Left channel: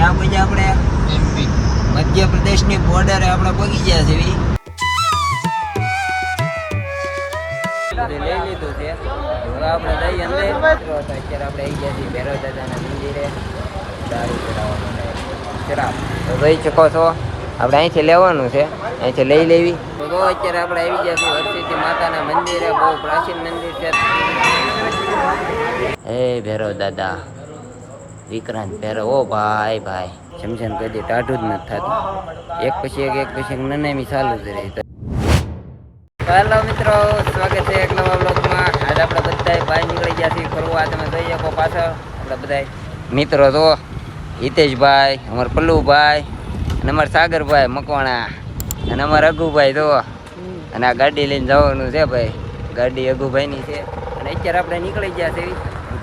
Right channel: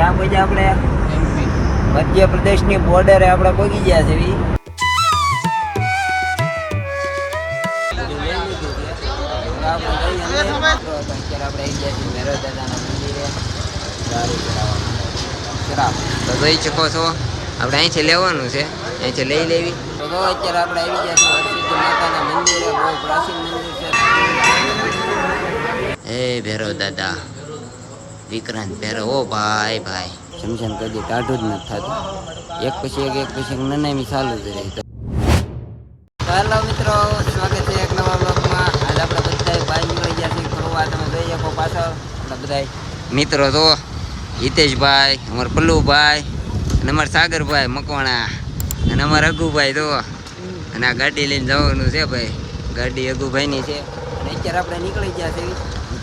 ક્યાં પહોંચ્યા આપણે? એમપી મધ્યપ્રદેશની બોર્ડરે આપણે પહોંચી ગયા છે. લઈ લીધું છે. આપણે જઈએ અંદર. અત્યારે આપણે આવી ગયા છીએ ભૈરવ દાદાના મંદિરે દારૂ ચડાવવા માટે શરાબ. તો જોઈ શકો છો આપણે અહીંથી લેવાનું છે, અહીંથી લઈ લેવી. તો અત્યારે આપણે આવી ગયા છીએ હરસિદ્ધિ માતાના મંદિરે. બહુ પ્રાચીન મંદિર છે. હે ભૈરવ દાદા, વિક્રાંત ભૈરવ. ઓ ભાઈ ભાઈ, સમજાને કોઈ દી ટાઢું જ નથી થતું. એક પછી એક નનામી ચાલુ જ રહી. હેલો મિત્રો, સ્વાગત છે એક નવા બ્લોગમાં. આજે આપણે બધા બહાર નીકળી ગયા છીએ ફરવા. તમે જોઈ શકો પાછળ આપણે બધા મિત્રો તો હિતેશભાઈ, અમારા પલ્લુભાઈ અને અમારા સાગરભાઈ મકવાણા અને અમારા અગુભાઈ તો. અને આ ગાડી લઈને જવાનું છે ભાઈ, ગાડી અગુભાઈની છે. અને અત્યારે આપણે નીકળી ગયા છીએ.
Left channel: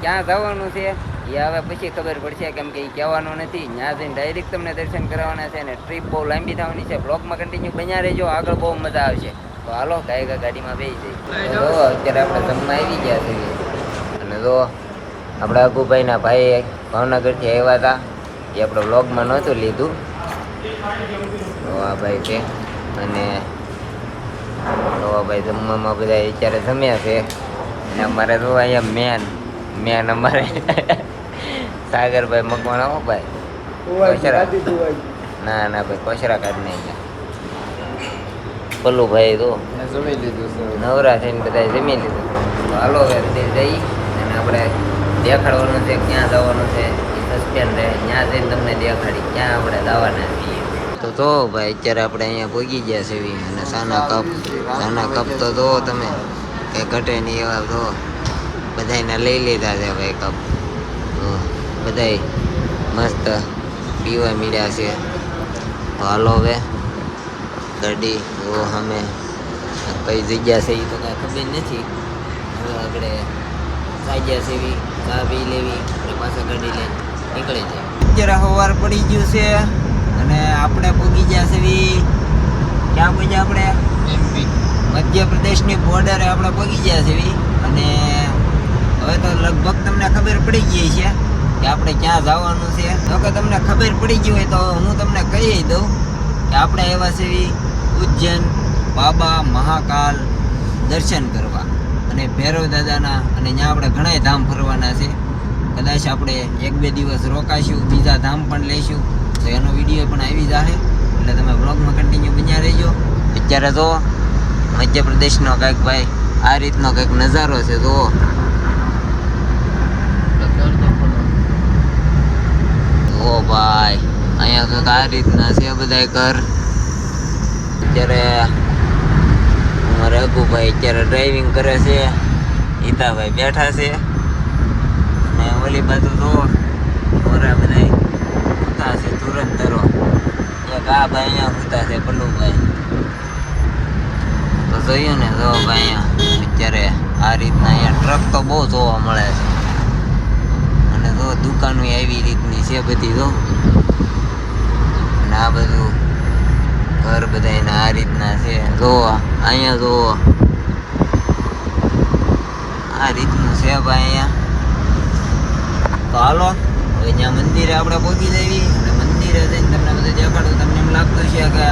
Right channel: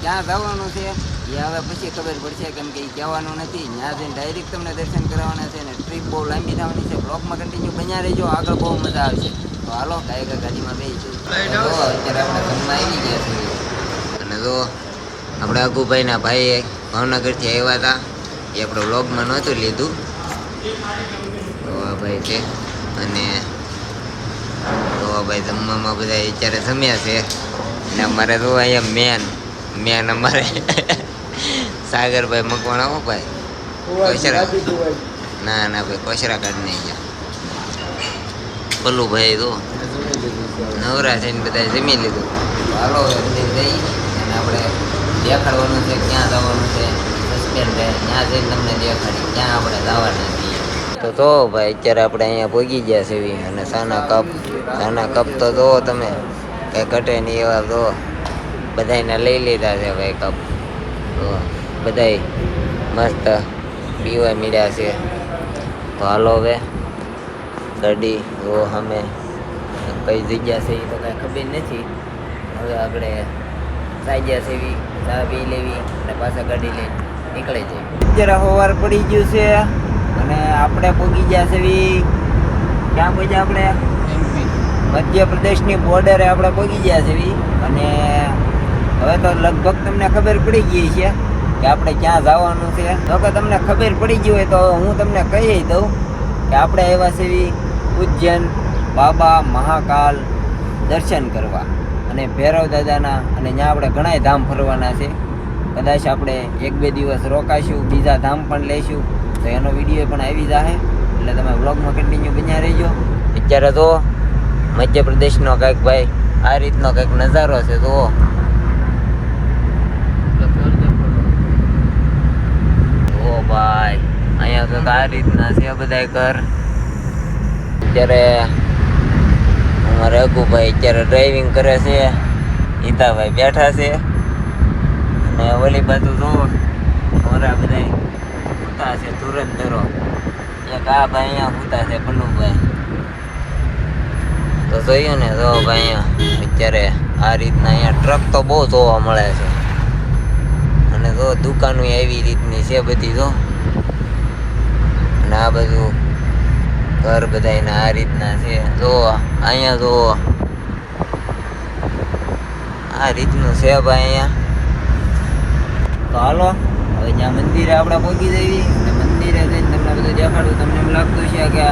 ક્યાં જવાનું છે એ હવે પછી ખબર પડશે, કેમ કે એ કહેવાનું નથી. ત્યાં જઈને ડાયરેક્ટ તમને દર્શન કરવાના છે. અને ટ્રીપ બહુ લાંબી થવાની છે. બ્લોગમાં કન્ટિન્યુ બન્યા રહેજો, આગળ બહુ મજા આવશે. તો હાલો ગાયકા ગાડીમાં બેસી જઈએ. તો અત્યારે આપણે જમવા આવી ગયા છીએ. અને જો આપણે અગુભાઈના ભાઈ ભાવનગરથી આવ્યા હતા, એ આપણે બ્લોગમાં નહોતું લીધું. તો આ ભાઈ છે. અને તો ભાઈ જમવામાં બધા અત્યારે જમ્યા છે. અને અમારે તો અહીંયા મેન અમારે સાગરભાઈ મકવાણા. હો ભાઈ કોશરા, ના ભાઈ કોશરા કાઢી નાખ્યા. પલ્લુભાઈ તો નવરા થઈને બધા જમી લીધું. હાલો અંદર જઈ અને આપણે દેખાડવાનું છે ક્યાં જવાનું છે. સસ્પેન્ડ રહે, ત્યાં જઈને તમને દેખાડી ક્યાં આપણે જવાના છીએ. તો જો ભાઈ અત્યારે આપણે અહીંયા ભોગી ગયા છે. અને સાના કપ તો જુઓ તમે, કંઈ ઘટે નહીં એવા. જો બધાને લઈ લીધા છે ભાઈ કપ. તો બધાય મસ્ત પીવા મળ્યા છે. તો હાલો હવે ગાડી જો અમે કઈ જગ્યા છે એ તો કાંઈ ખબર નથી. હવે આગળ સાગ્યા છે એવી ચા પી લેવી અને પાછા ગાડી લઈને નીકળી જાય. અત્યારે સવાર પડી ગયું છે અને આપણે પહોંચી ગયા છે. ક્યાં પહોંચ્યા આપણે? એમપી મધ્યપ્રદેશની બોર્ડરે આપણે પહોંચી ગયા છે. અને હવે તો લગભગ તમને ખબર પડી ગઈ છે કે આપણે ક્યાં જવાનું છે. જો કે તમને ખબર પડી ગઈ હોય તો હું તમને કહી દઉં કે આપણે આવ્યા છીએ ઉજ્જૈન બાબા મહાકાલ દર્શન કરવા અને ભૈરવ દાદાના. અને ત્યાં આપણે ઘણાય ધામ ફરવાના છે. કદાચ આપણે 1-2 દિવસ રોકાશું, બીજા ધામ પણ લઈશું. તો એનો વિડીયો પણ આવી જશે, એટલે તમે બ્લોગમાં કન્ટિન્યુ બન્યા રહેજો. અત્યારે તો મધ્યપ્રદેશનો કંઈક ભાઈ આ રીતનો કંઈક નજારો છે. તો ઓ ભાઈ અહીંયા કંઈક આ રીતના છે બધા ઘર. અત્યારે અમારે અગુભાઈ અત્યારે ડ્રાઇવિંગ કરે છે, હિતાભાઈ બેઠા છે. અને ઓલી બાજુ તો અમારા બધા સૂતા છે ધુરંધરો. એક આ ભાઈ અહીંયા સૂતા છે પલ્લુભાઈ. તો જોયું ને, જો ભાઈ અહીંયા અત્યારે આ રીતના અહીંયા ટ્રક તો બહુ જોવા મળે છે. અને જો દુકાનો એવી રીતની છે બધી. જો અને આ બધું ઘર બધાને આ રીતના છે. જો અહીંયા જો આ રીતનું છે ભાઈ અહીંયા. તો હાલો હવે ત્યાં મંદિરે આપણે પહોંચી જઈએ. અને મંદિરે જઈને તમને બધું દેખાડું. તમને એમ લાગતું છે કે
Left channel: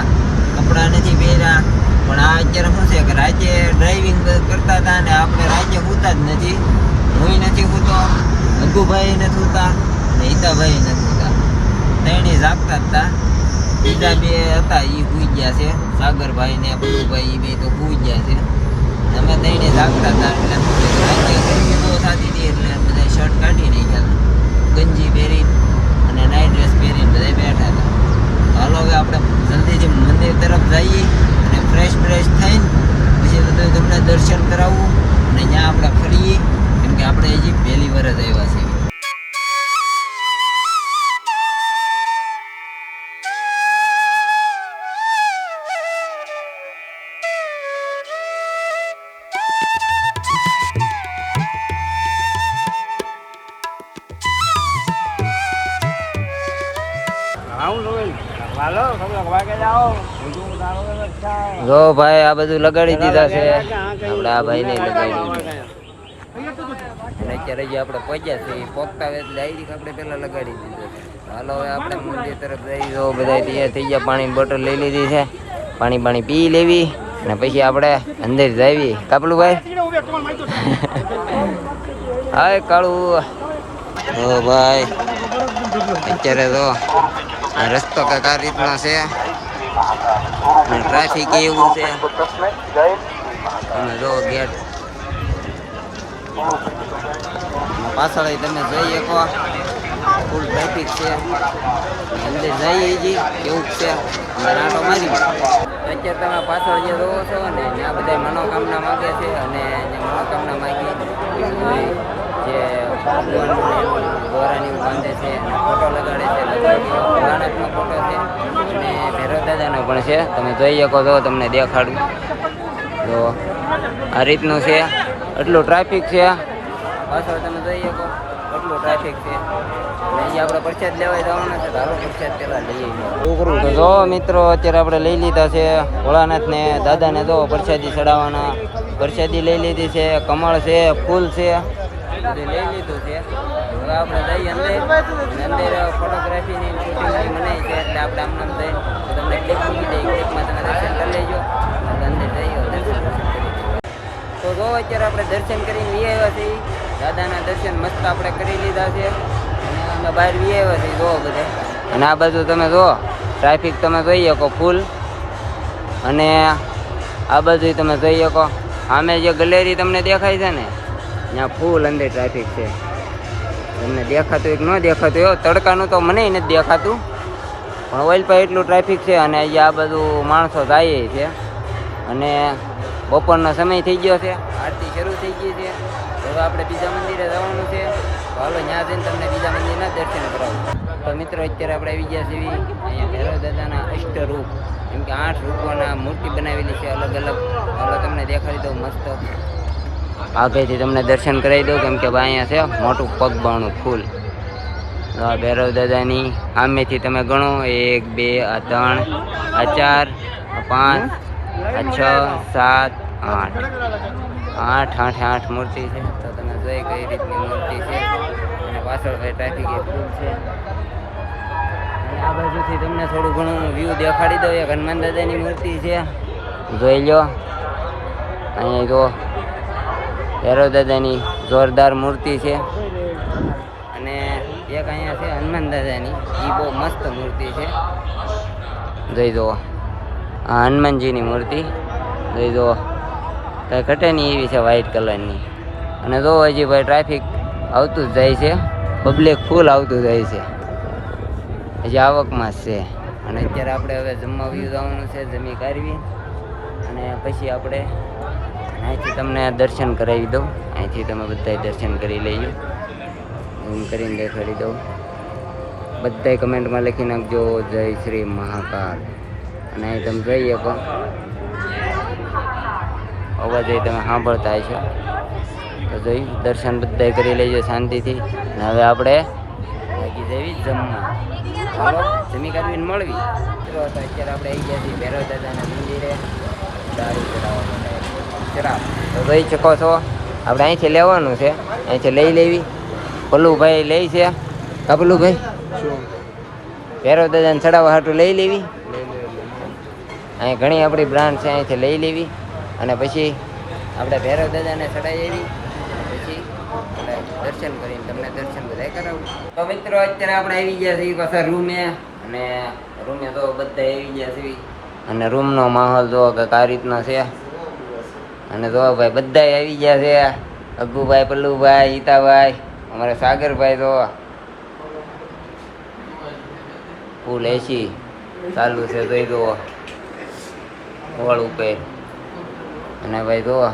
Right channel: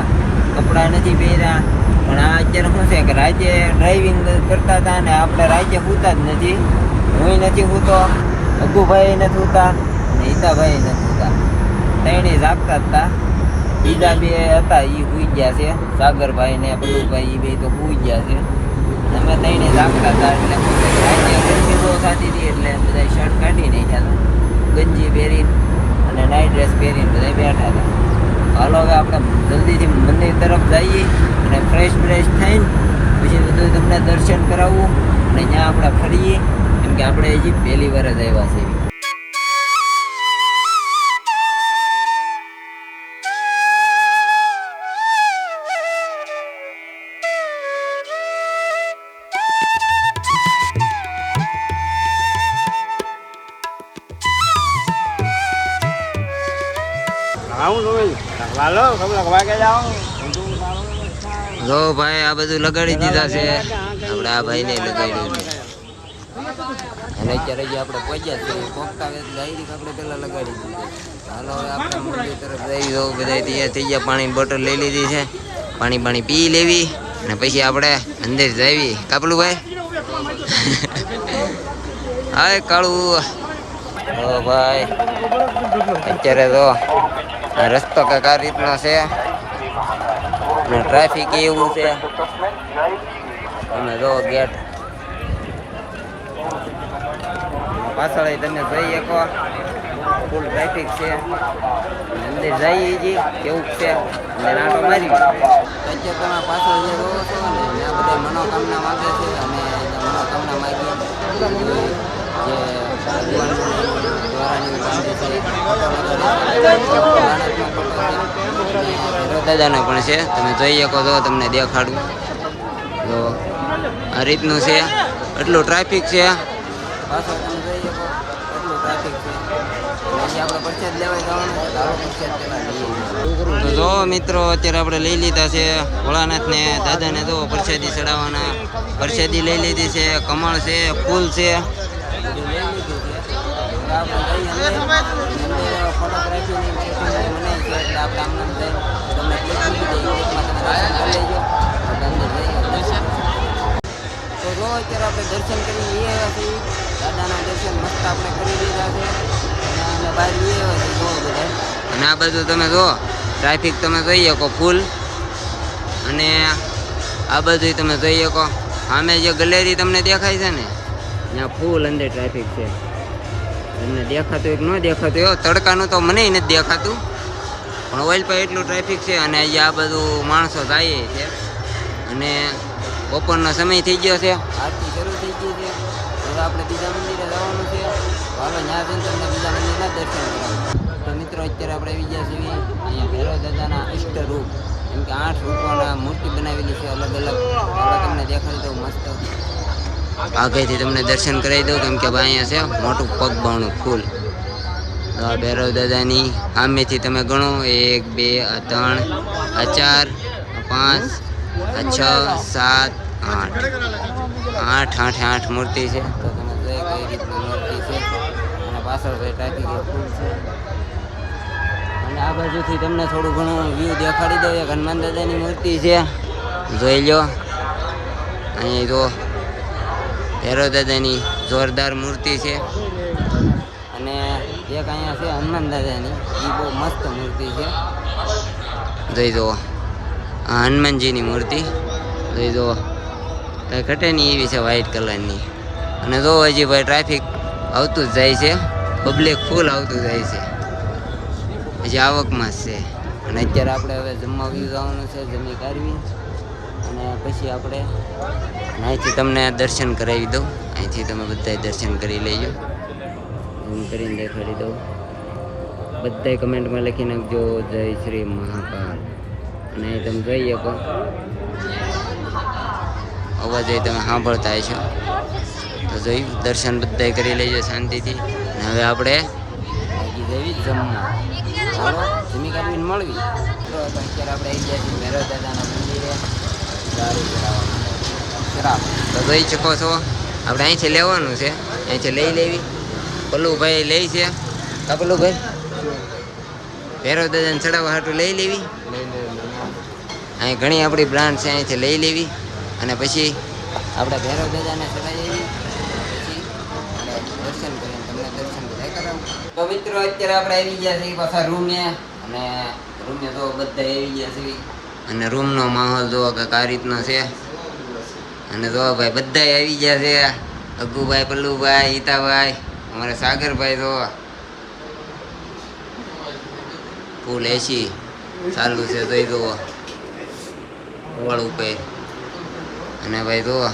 કપડાં નથી પહેર્યા, પણ આ અત્યારે શું છે કે રાતે ડ્રાઇવિંગ કરતા હતા ને આપણે રાતે સૂતા જ નથી. હું નથી સૂતો, અગુભાઈ નથી સૂતા અને હિતાભાઈ નથી સૂતા. ત્રણેય જાગતા જ હતા. બીજા 2 હતા એ સૂઈ ગયા છે, સાગરભાઈ ને પલ્લુભાઈ. એ 2 તો સૂઈ ગયા છે. અમે ત્રણેય જાગતા હતા. એટલે શું છે કે રાતે ગરમી બહુ થતી હતી, એટલે બધા શર્ટ કાઢી નાખ્યા હતા, ગંજી પહેરીને અને નાઇટ ડ્રેસ પહેરીને બધા બેઠા હતા. હાલો હવે આપણે જલ્દીથી મંદિર તરફ જઈએ અને ફ્રેશ થઈને પછી બધું તમને દર્શન કરાવવું અને ત્યાં આપણે ફરીએ, કેમ કે આપણે હજી પહેલી વાર જ આવ્યા છીએ. જો ભાઈ આ બધું લગાડી દીધા છે. આપણે આ ભાઈને લગાડ્યું છે. અને અત્યારે જે આપણે પહોંચ્યા છે એ પોગતા હોય એટલે આવી આપણે પહેલાં લગાડી દીધું. હાલો હવે આપણે મંદિર તરફ જઈ જો બધા તૈયાર થઈ ગયા. પાણીની બોટલ લઈ લીધી છે, પાણી પી લેવી અને પછી આપણે અંદર જવી. કાપલું ભાઈ હાય કાળું. ઓ ભાઈ અત્યારે તો રસ્તો કંઈક આ રીતનો છે અને ટ્રાફિક એવું છે. તમે જો ગેટ પાછળ તમે જોઈ શકો ફૂલ ટ્રાફિક છે. અંદર જઈએ જી કેવું છે અંદર આંટો મારી. અત્યારે તમે પાછળ જે જોવો છો ને ત્યાં બધા મનોકામના માગે છે અને મનોકામના માગી જે ભગવાનનું દોરાની એવું બાંધે છે, ફોટો લગાડે છે. ભોળાનાથનો ફોટો છે અને ભૈરવ દાદાનો પણ છે. તમે જોઈ શકો છો, તમને દેખાડું. તો આ રીતનું છે. એટલું ટ્રાફિક છે પાછળ તમે જોઈ શકો એટલું ટ્રાફિક છે. અને જે આપણે પ્રસાદ લેવા જવાનું છે તો હાલો પ્રસાદ પેલા લઈએ. તો જો મિત્રો અત્યારે આપણે લઈ લીધા છે ભોળાનાથને દાદાને. જો પ્રસાદી ચડાવવાના પ્રસાદી લઈ લીધી છે, કમળ છે, ફૂલ છે, બધું લઈ લીધું છે. હવે આપણે જઈએ અંદર ફોટોગ્રાફીની શૂટિંગની મનાઈ છે એટલે આપણે આમને જઈને તમને ક્લિપ મૂકી દઈએ. ક્લિપમાં તમે દર્શન કરી લેજો. આપણે અંદર જઈએ દર્શન કરી. તો જો અત્યારે આપણે દર્શન કરીને વી આવ્યા છીએ. દાદાના દર્શન મસ્ત આપણે કરી લીધા છે અને અમે બહાર વી આવ્યા છીએ. જોવો બધા. અને આ બાજુ તમે જુઓ ટ્રાફિક તમે જોઈ શકો ફૂલ. અને આ બાજુ તમે જોઈ શકો સામે જે ગેલેરી તમને દેખાય છે ને ત્યાં ફૂલ અંદર ટ્રાફિક છે. તમને દેખાતું એક ન દેખાતું એવું તડકાનું તો મને નથી દેખાતું, પણ ઓઇલ પર એટલું ટ્રાફિક છે. અને અહીંયા આ બધું માણસો જાય છે અને બપોરનો સમય થઈ ગયો છે, આરતી શરૂ થઈ ગઈ છે. હવે આપણે બીજા મંદિરે જવાનું છે. તો હાલો ત્યાં જઈને તમને બીજા મંદિરના દર્શન કરાવું. તો મિત્રો અત્યારે આપણે આવી ગયા છીએ અહીંયા ભૈરવ દાદાના અષ્ટરૂપ, એમ કે 8 રૂપોના મૂર્તિ બનાવેલી છે અલગ અલગ. હવે તમને દેખાડી દઉં મસ્ત આગળથી તમને દર્શન કરાવી દઉં, કેમ કે અહીંયા છે મોટું પગબાણું ફૂલ. ભૈરવ દાદાની સામેથી તમે ગણો 1 2 આ 3 આ 4 આ 5 આ 6 7 8 8 મૂર્તિ છે. તો તમે જોઈ કઈ રીતની મૂર્તિ છે. અને પાછળ ભાઈ ટ્રાફિક એ ફૂલ છે. અને આ બાજુથી તમને થોડું ઘણું વ્યૂ દેખાડી દઉં. એક હનુમાન દાદાની મૂર્તિ છે, જોઈ લો. અહીંયા જો ભૈરવ દાદાની જોરદાર મૂર્તિ છે. અને એક અહીંયા છે હનુમાન દાદાની, એ બહુ મસ્ત મૂર્તિ છે. જોઈ જુઓ આ હનુમાનજીની મૂર્તિ જોઈ જુઓ, કાંઈ ઘટે નહીં એવી છે વ્હાઈટ કલરની. અને જો હજી ભાઈ ટ્રાફિક આવતું જ જાય છે, પબ્લિક ફૂલ આવતું જાય છે, હજી આવકમાં જ છે. અને અત્યારે આપણે હવે જમવા વ્યૂ જવાનું છે, જમી કાઢવી અને પછી આપણે અહીંથી તમને દર્શન કરાવી દઉં. અહીંથી તમે બધાય દર્શન કરી લેજો. એમ કરીને દેખાડી દઉં. બધાય કમેન્ટમાં લખી નાખજો જય શ્રી મહાકાલ. અને અહીં તમે જોઈ શકો અવાજ તમે સાંભળતા છો. તો જોઈ દર્શન બધાય કરી લેજો શાંતિથી. અને હવે આપણે બાકી જવી જમવા. હાલો જમી કાઢવીને મળવી. તો અત્યારે આપણે આવી ગયા છીએ ભૈરવ દાદાના મંદિરે દારૂ ચડાવવા માટે શરાબ. તો જોઈ શકો છો આપણે અહીંથી લેવાનું છે, અહીંથી લઈ લેવી. પલ્લુભાઈ લે છે. કાપલુભાઈ ભૈરવ દાદાને ચડાવવા હાટું લઈ લેવી. અહીં ઘણી આપણી બ્રાન્ડ છે, અહીંથી લઈ લેવી. અને પછી આપણે ભૈરવ દાદાને ચડાવી પછી આપણે દર્શન કરીને તમને દર્શન બધા કરાવું. તો મિત્રો અત્યારે આપણે આવી ગયા છીએ પાછા રૂમે. અને રૂમે તો બધા આવી ગયા છે. અને રૂમનો માહોલ જો કંઈક આ રીતનો છે. અને જો ભાઈ બધા આવી ગયા છે. અગ્ગુભાઈ, પલ્લુભાઈ, હિતાભાઈ, અમારા સાગરભાઈ તો ફૂલ એસી ચાલુ છે. જોઈ જુઓ હોળ ઉપર. અને ભાઈ જુઓ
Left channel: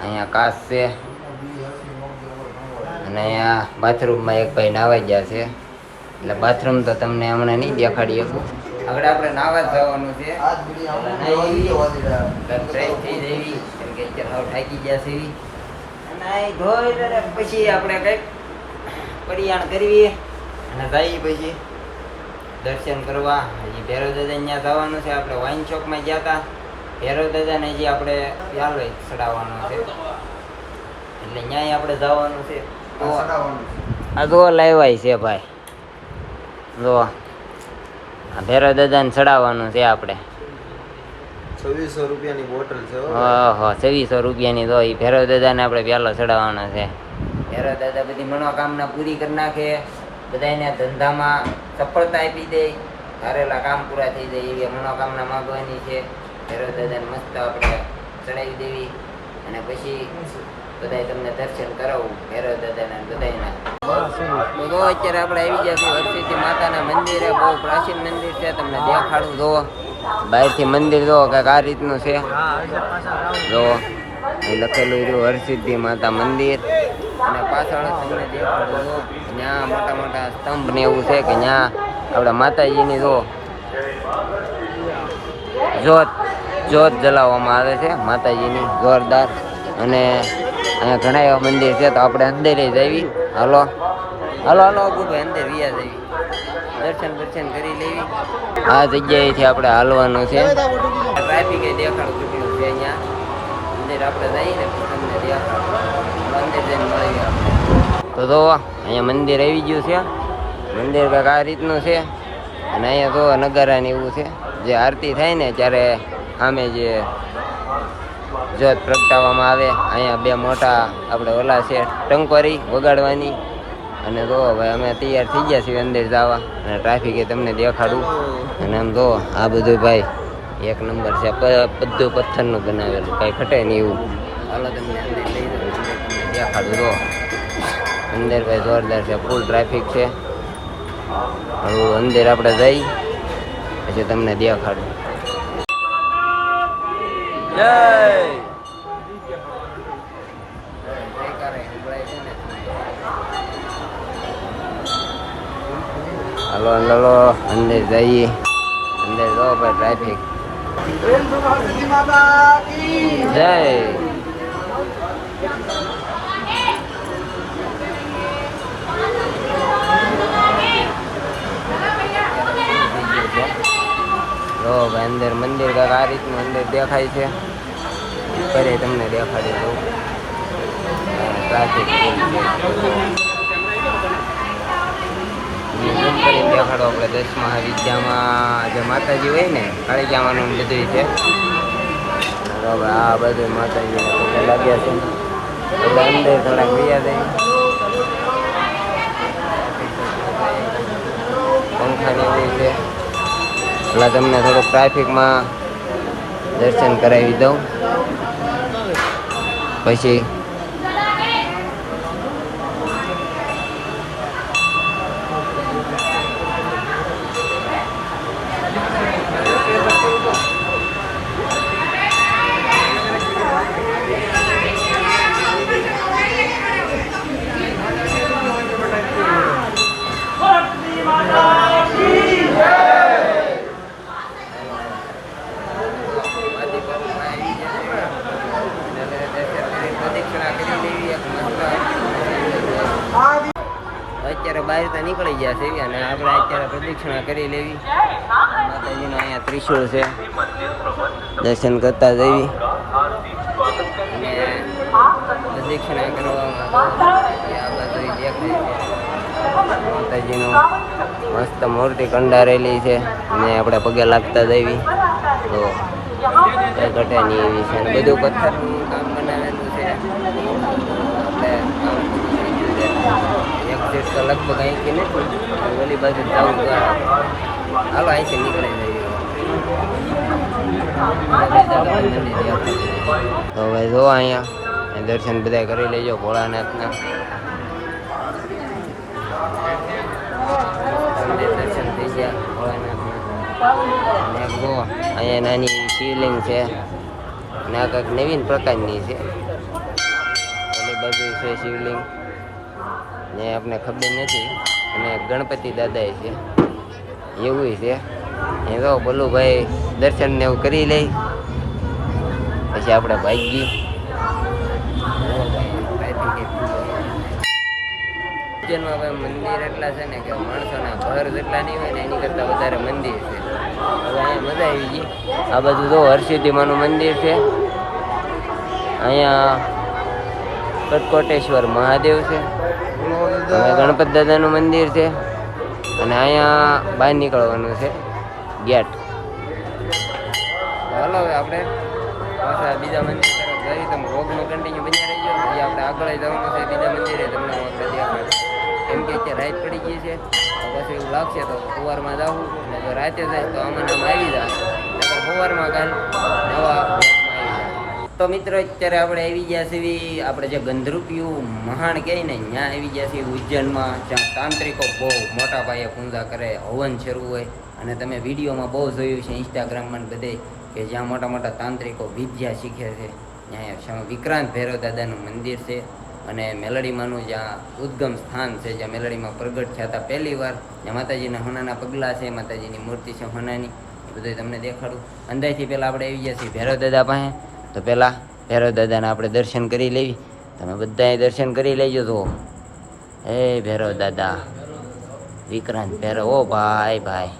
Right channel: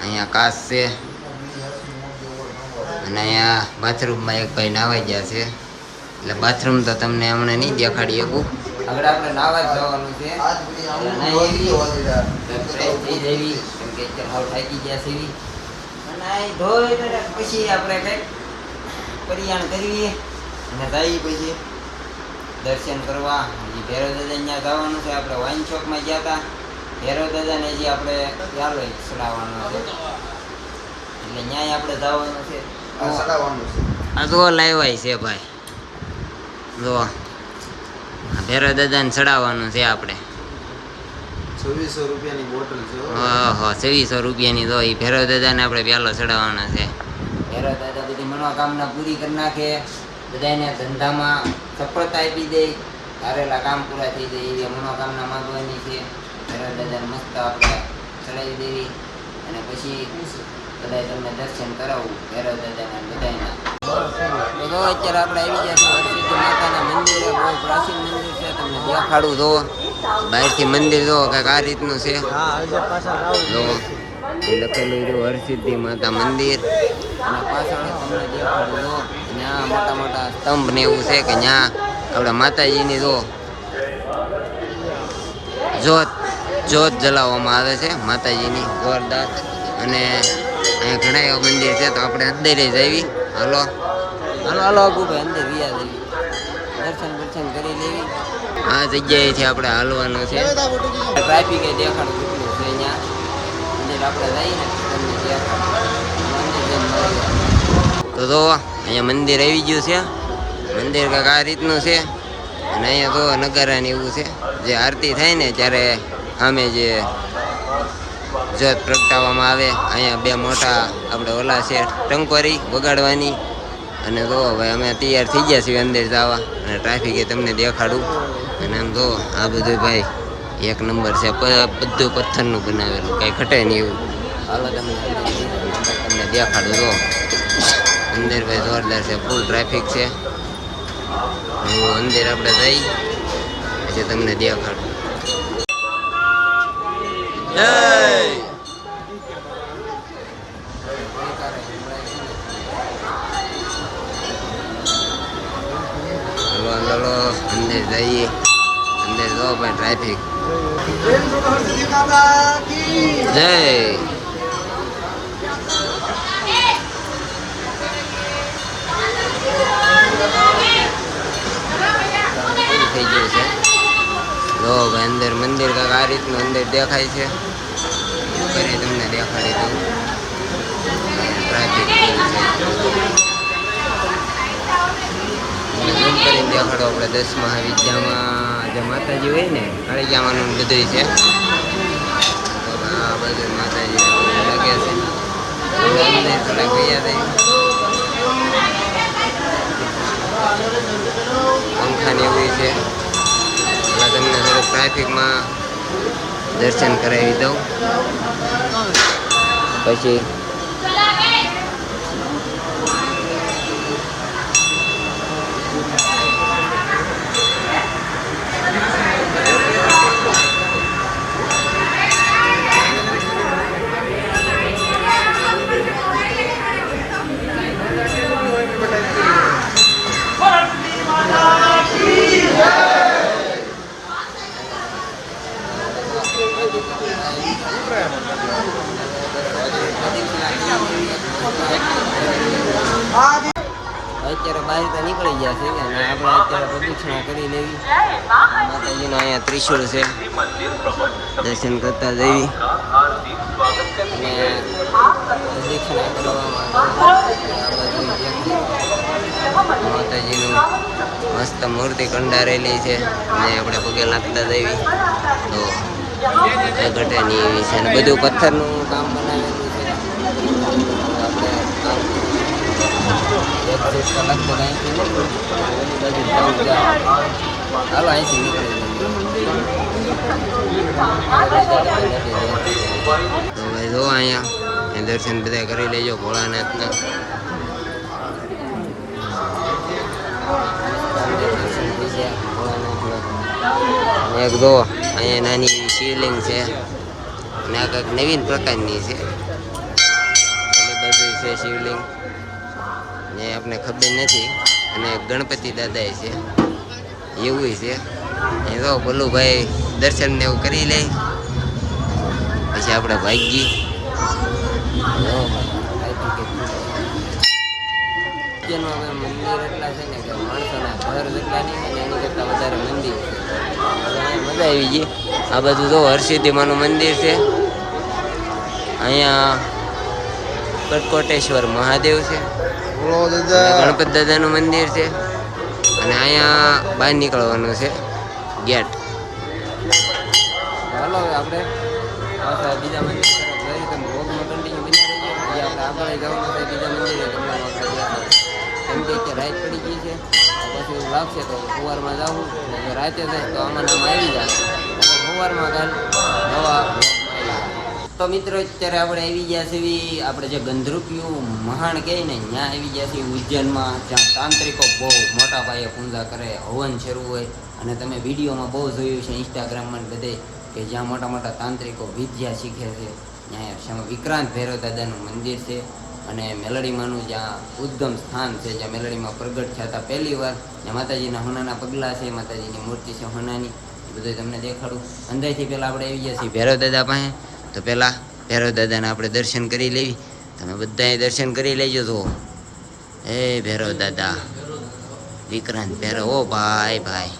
અહીંયા કાચ છે. અને અહીંયા બાથરૂમમાં એક ભાઈ નાવા ગયા છે. એટલે બાથરૂમ તો તમને હમણાં નહીં દેખાડી શકું. આગળ આપણે નાવા જ જવાનું છે. થાકી ગયા છે. અને ધોઈ પછી આપણે કંઈક પરિયાણ કરીએ અને જઈએ પછી દર્શન કરવા. હજી ભૈરવ દાદા અહીંયા જવાનું છે. આપણે વાઇન શોપમાં ગયા હતા. ભૈરવ દાદાને જે આપણે ચાલો ચડાવવાનો છે. એટલે ન્યાય આપણે જવાનું છે. આ જો લાવ્યા છે ભાઈ, જો આ ભેરો દાદાને ચડાવવાનું છે આપણે. 2600 રૂપિયાની બોટલ છે. ઓહો 2600 રૂપિયાની તો એ ભેરો દાદાને આપણે પહેલો ચડાવવાનો છે. ભેરો દાદા બધી મનોકામના પૂરી કરી નાખે, બધાને ધંધામાં સફળતા આપી દે, ધારેલા કામ પૂરા થઈ જાય એવી મનોકામના માંગવાની છે. ભેરો દાદાને મસ્ત આપણે ચડાવી દેવી અને પછી બધા તમને દર્શન કરાવવું ભેરો દાદાના બધાના. તો અત્યારે આપણે આવી ગયા છીએ હરસિદ્ધિ માતાના મંદિરે. બહુ પ્રાચીન મંદિર છે, તમને દેખાડું. જો બહારથી મંદિર જો કંઈક આ રીતનું છે. જો એ લખેલું જો હરસિદ્ધિ માતા મંદિર, અને પાછળ તમને દેખાડું જો ત્યાં મોટા મોટા સ્તંભ ને એવું છે કે ત્યાં આપણે માતાજીની જોત જલાવવામાં આવે છે માતાજીની જોરદાર. અને અહીંયા ઘણા એવા મંદિર છે, તો આપણે અંદર જઈએ. હાલો હાલો હાલો અગુભાઈ અંદર વ્યા જઈએ, દર્શન કરી લેવી. આ જગ્યાએથી આપણે હાલવાનું છે. ટ્રાફિક દેખાડું કેટલું છે અહીંયા અંદર. આપણે જઈએ ને તમને દેખાડું અંદર જઈને મળીએ. તો અહીંયા મંદિર આવી ગયું છે. મંદિર કંઈક આ રીતનું છે. અને અહીંયા તો નગારા ને એવું છે, જે આરતી થાય ને ત્યારે સામે જે જોત પ્રગટાવવામાં આવે. અહીંયા બે મોટા આપણે ઓલા છે ટંકોરી વગાડવાની. અને જો ભાઈ અમે તૈયાર થઈ ગયા છીએ અંદર જવા, અને ટ્રાફિક એ તમને દેખાડું. અને આમ જો આ બધું ભાઈ એક નંબર છે, બધું પથ્થરનું બનાવેલું, કાંઈ ઘટે નહીં એવું. હાલો તમને અંદર લઈ જાઉં, તમને દેખાડું. જો અંદર ભાઈ જોરદાર છે, ફૂલ ટ્રાફિક છે. હવે અંદર આપણે જઈ પછી તમને દેખાડું. જય હાલો હાલો અંદર જઈએ. અંદર જો ભાઈ ટ્રાફિક. જય થઈ ગયું છે. જો ભાઈ અંદર મંદિર કાંક આ રીતનું અંદર દેખાય છે. કરે તમને દેખાડી દઉં. ટ્રાફિક ફૂલ છે. ઝૂમ કરીને દેખાડો. આપણે 10 મહાવિદ્યામાં જે માતાજી હોય ને કાળીજામાનું બધું છે. આ બધું માતાજીને બધા લાગે છે. આપણે અંદર થોડાક વૈયા થઈ. પંખાની એવું છે. એટલે તમને થોડુંક ટ્રાફિકમાં દર્શન કરાવી દઉં. પછી અત્યારે બહાર તો નીકળી ગયા છે અને આપણે અત્યારે પ્રદક્ષિણા કરી લેવી. માતાજીને અહીંયા ત્રિશુળ છે, દર્શન કરતા જઈએ અને પ્રદક્ષિણા કરવામાં આ બાજુ દેખાય માતાજીનું મસ્ત મૂર્તિ કંડારેલી છે ને આપણે પગે લાગતા જઈએ તો કઈ ઘટે નહીં એવી છે. અને બધું પથ્થરનું કામ બનાવેલું છે. એક સેટ તો લગતું કંઈ કે નથી. ઓલી બાજુ જવું તો હાલો અહીંથી નીકળી જઈએ. તો ભાઈ જો અહીંયા દર્શન બધા કરી લેજો ભોળાનાથના. દર્શન થઈ ગયા ભોળાનાથના. એક જો અહીંયા નાની એવી શિવલિંગ છે અને આ કંઈક નવીન પ્રકારની છે. ઓલી બાજુ છે શિવલિંગ ને આપણે ખબર નથી. અને ગણપતિ દાદા છે એવું છે. એ તો બોલું ભાઈ દર્શન ને એવું કરી લઈ પછી આપણે ભાગી. મંદિર એટલા છે ને કે માણસોના ઘર જેટલા નહીં હોય ને એની કરતા વધારે મંદિર છે. હવે અહીંયા મજા આવી ગઈ. આ બધું તો હરસિદ્ધિ માનું મંદિર છે. અહીંયા કટકોટેશ્વર મહાદેવ છે, બોલો અને ગણપત દાદાનું મંદિર છે, અને અહીંયા બહાર નીકળવાનું છે ગેટ. ચાલો હવે આપણે પાછા બીજા મંદિર તરફ જઈએ. તમે વ્લોગમાં કન્ટિન્યુ બન્યા રહીજો. હજી આપણે આગળ જવાનું છે બીજા મંદિરે, તમને હું આપણે દેખાડું. કેમ કે અત્યારે રાત પડી ગઈ છે, તો પછી એવું લાગશે તો સવારમાં જાવું, અને જો રાતે જાય તો આમાં નામ આવી જાય, સવારમાં કાલ નવા વ્લોગમાં આવી જાય. તો મિત્રો અત્યારે આપણે આવી ગયા છીએ આપણે જે ગંધરૂપિયું મહાણ કહે ને ત્યાં આવી ગયા છીએ ઉજ્જૈનમાં, જ્યાં તાંત્રિકો બહુ મોટા પાયે પૂજા કરે, હવન શરૂ હોય. અને તમે વિડીયોમાં બહુ જોયું છે ઇન્સ્ટાગ્રામમાં બધે કે જ્યાં મોટા મોટા તાંત્રિકો વિદ્યા શીખે છે. ત્યાં વિક્રાંત ભૈરવ દાદાનું મંદિર છે, અને મેલડીમાંનું જ્યાં ઉદ્ગમ સ્થાન છે, જ્યાં મેલડીમાં પ્રગટ થયા હતા પહેલી વાર, જ્યાં માતાજીના હોનાના પગલાં છે, માતાજીની મૂર્તિ છે હોનાની, એ બધું તમને દેખાડું. અંદાજથી પહેલાં આપણે આવી ગયા છીએ ભૈરવ દાદા પાસે. તો પહેલાં ભૈરવ દાદાના આપણે દર્શન કરી લેવી. તમે બધાએ દર્શન કરી લેજો. તો એ ભૈરવ દાદા વિક્રાંત ભૈરવ. ઓ ભાઈ ભાઈ,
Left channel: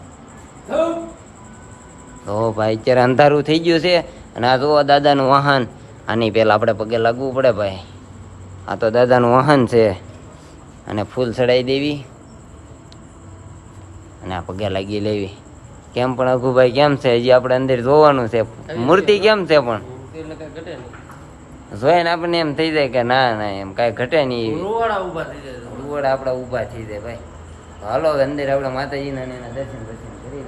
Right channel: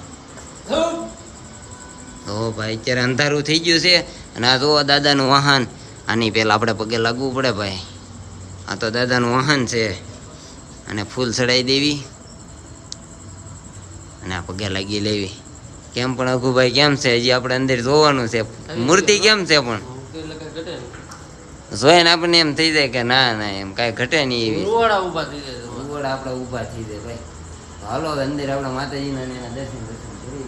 તો ભાઈ અત્યારે અંધારું થઈ ગયું છે, અને આ જો દાદાનું વાહન. આની પહેલાં આપણે પગે લાગવું પડે ભાઈ. આ તો દાદાનું વાહન છે, અને ફૂલ ચડાવી દેવી, અને આ પગે લાગી લેવી. કેમ પણ અઘુભાઈ કેમ છે? હજી આપણે અંદર જોવાનું છે મૂર્તિ કેમ છે, પણ જોઈને આપણને એમ થઈ જાય કે ના ના એમ કાંઈ ઘટે નહીં. એવી રૂવડા આપણા ઊભા થઈ જાય ભાઈ. હાલો અંદર આપણે માતાજીના એના દર્શન કરી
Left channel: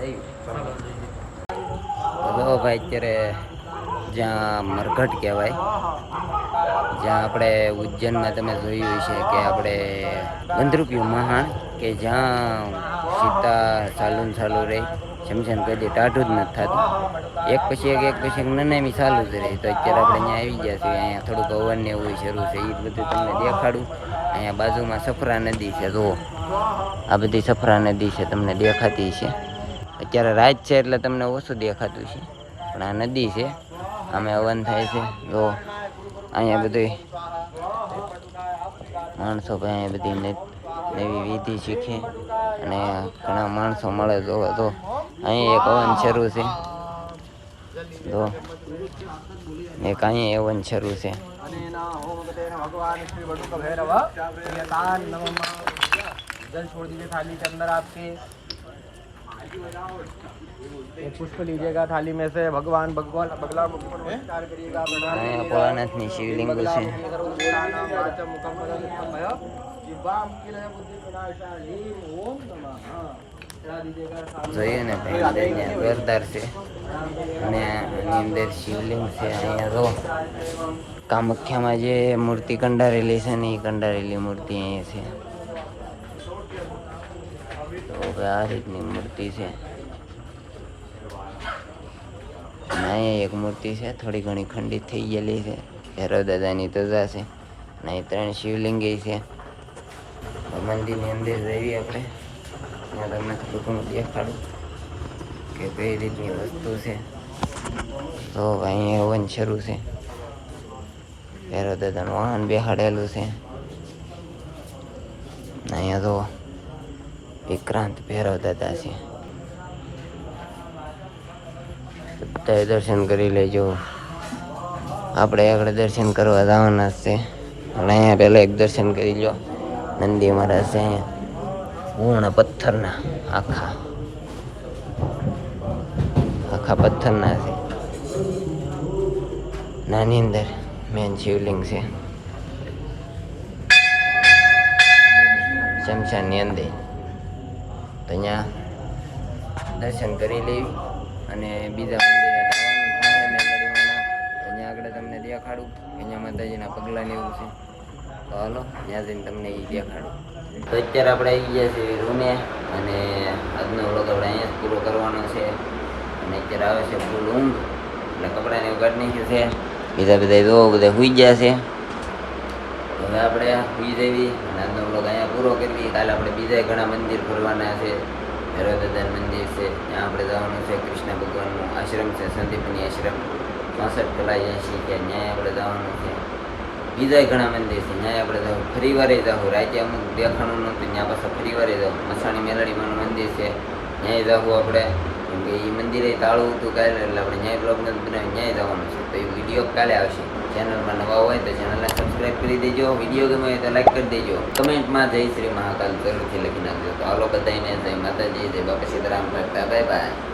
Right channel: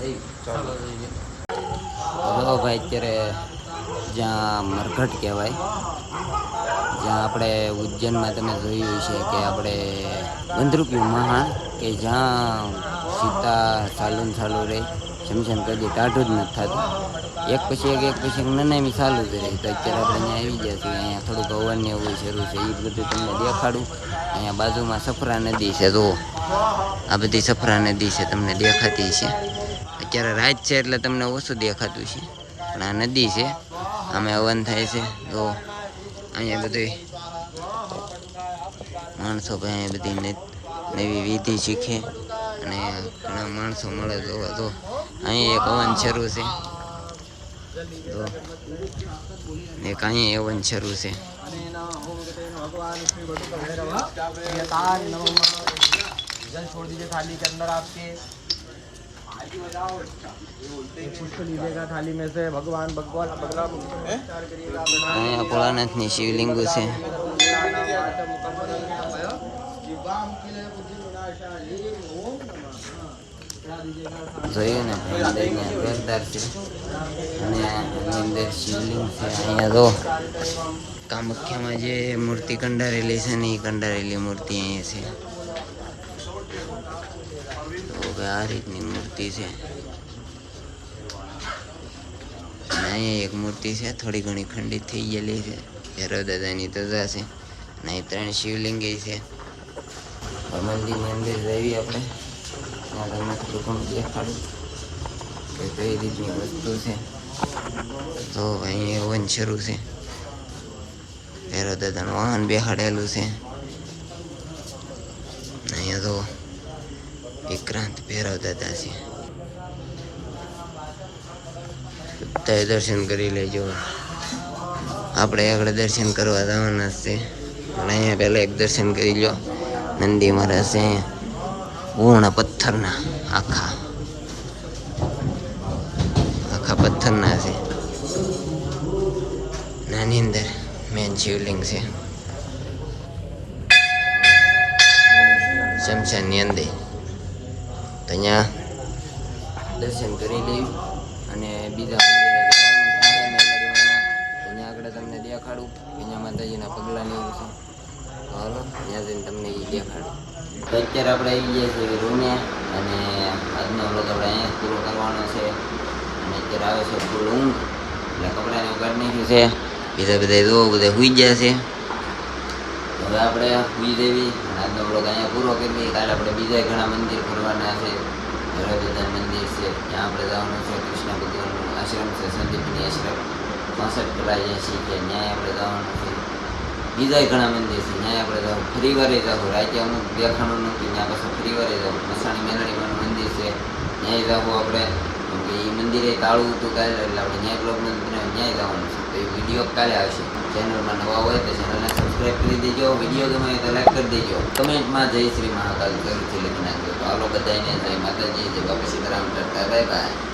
લઈએ. જો ભાઈ અત્યારે જ્યાં મરઘટ કહેવાય, જ્યાં આપણે ઉજ્જૈનમાં તમે જોયું છે કે આપણે ગંધરૂપિયું મહાણ, કે જ્યાં સીતા ચાલુ રહી, શમશાન કોઈ દે ટાઢું જ નથી થતું. એક પછી એક નનામી ચાલુ જ રહી. તો અત્યારે આપણે અહીંયા આવી ગયા છીએ. અહીંયા થોડુંક હવન ને એવું શરૂ છે, એ બધું તમને દેખાડું. અહીંયા બાજુમાં સફરા નદી છે, જો આ બધી સફરા નદી છે, તમને દેખાતી છે. અત્યારે રાત છે એટલે તમને ઓછું દેખાતું છે, પણ આ નદી છે, આમે હવન થાય છે. જો અહીંયા બધી માણસો ભાઈ અહીંયા બધી નવી વિધિ શીખે, અને ઘણા માણસો મળે. જોવા તો અહીંયા એક હવન શરૂ છે, જો એક અહીંયા હવન શરૂ છે. जल छोड़ दीजिए थाली के अंदर आपके, एक पुष्प लीजिएगा थाली में से। भगवान અહીંયા ભોળાનાથની શિવલિંગો છે. જોઈએ ને ભાઈ અંદર અહીંયા જોરદાર છે, અને આની અંદર શિવલિંગ છે. અહીંયા જો કામાખ્યામાં જે મૂર્તિ કંડારેલી છે ને, એ કંડારેલી મૂર્તિ અહીંયા છે. તો આ રીતની મૂર્તિ છે, અને અહીંયા એક મૂર્તિ છે થોડી ઘણી ખંડિત થઈ ગયેલી છે. ભૈરવ દાદાની ધજા છે, અને અહીં 3 શિવલિંગી છે. મંદિરની અંદર જઈએ આપણે, ત્યાં તમને થોડું ઘણું દેખાડું કે કઈ રીતની વસ્તુ છે. તો અહીંયા હવન શરૂ છે. ભૈરવ દાદાનું વાહન બેહાડેલું છે. અહીંયા તો વિક્રાંત ભૈરવ દાદા છે. બધાએ દર્શન કરી લેજો. આપણે આગળ દર્શન કરવા જવાના છે, પણ અહીંયા પહેલાં એક દર્શન કરી લો. નંદી મહારાજ છે પૂર્ણ પથ્થરના, આખા પથ્થરના છે. નાની અંદર મેન શિવલિંગ છે, શમશાનની અંદર. તો અહીંયા દર્શન કરી લેવી, અને બીજા મંદિરે જવાનું થાય મેલડીમાંના. તો અહીંયા આગળ તમને દેખાડું કે અહીંયા માતાજીના પગલાં ને એવું છે. તો હાલો ત્યાં જઈને તમને એ દેખાડું. તો અત્યારે આપણે આવી ગયા છીએ રૂમે, અને આજનો વ્લોગ આપણે અહીંયા જ પૂરો કરવાનો છે. અને અત્યારે આવે છે ફૂલ ઊંઘ, એટલે કપડાને ઉગાડી નાખ્યું છે. બીજા બધા જો બધા સૂઈ ગયા છે. હવે આપણે સૂઈ જઈએ, અને આજનો વ્લોગ અહીંયા પૂરો કરી દઈએ. કાલે આપણે બીજા ઘણા મંદિર ફરવાના છે. ભૈરવ દાદાનું મંદિર છે, ત્યાં આપણે જવાનું છે. કૃષ્ણ ભગવાનનું આશ્રમ છે, સંદીપની આશ્રમ 65 કલા એસી છે, ત્યાં આપણે જવાનું છે. બીજા ઘણા મંદિર છે, ત્યાં આપણે જવું. ફરી વારે જવું. રાતે અમુક દેખાણું નહોતું, ત્યાં પાછા ફરી વારે જવું. મસાણી મેલડીમાંનું મંદિર છે, ત્યાંય જવું આપણે. કેમ કે એ મંદિરે તાળું હતું કાલે, એટલે આપણે ન્યાય બ્લોગ નથી બનાવી, ન્યાય જવાનું છે. તો એ વિડીયો કાલે આવશે. ચેનલમાં નવા હોય તો ચેનલને સબસ્ક્રાઈબ કરી દેજો. વિડીયો ગમે હોય તો લાઈક કરી દેજો. કમેન્ટમાં જય શ્રી મહાકાલ જરૂરથી લખી નાખજો. તો હાલો બધાને જય માતાજી, જય બાપા સીતારામ કરતા બાય બાય.